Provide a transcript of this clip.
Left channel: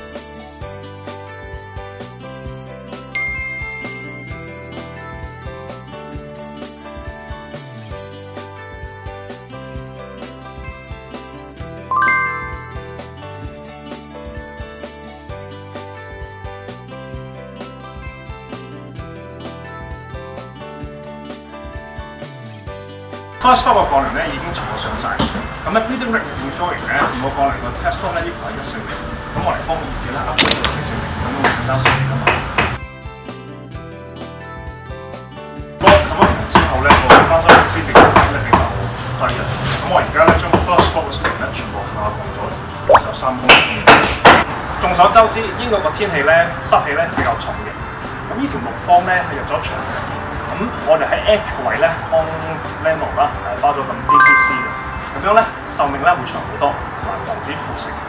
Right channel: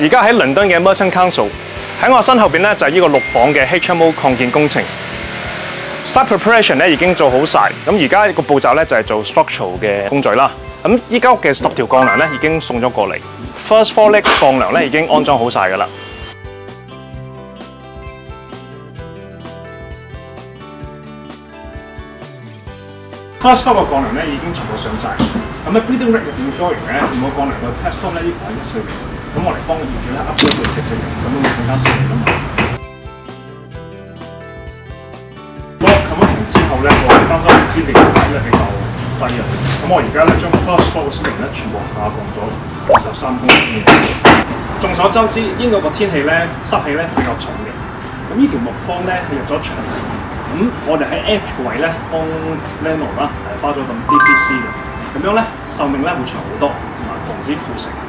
而家喺倫敦嘅 Merchant Council， 喺我身後邊咧就係呢個6房嘅 HMO 擴建工程。Site preparation 咧已經做好晒，咁而家個步驟咧就係做 structural 嘅工序啦。咁依間屋嘅10條鋼梁咧已經送咗過嚟 ，first floor 咧鋼梁咧已經安裝好晒㗎啦。First floor 嘅鋼梁咧已經全部上晒，咁咧 building rig 入邊嘅 drawing 咧，每個鋼梁個 test floor 咧呢個係140，咁我嚟幫個業主咧 upgrade 到640，咁樣會更加順利㗎嘛。之後咧，我啱啱先定咧比較低啊，咁我而家咧將 first floor 嘅先咧全部下降咗23公分。眾所周知，英國個天氣咧濕氣咧比較重嘅，咁呢條木方咧係入咗牆，咁我哋喺 edge 個位咧幫 Leno 啦係花咗咁 DPC 嘅，咁樣咧壽命咧會長好多，同埋防止腐蝕。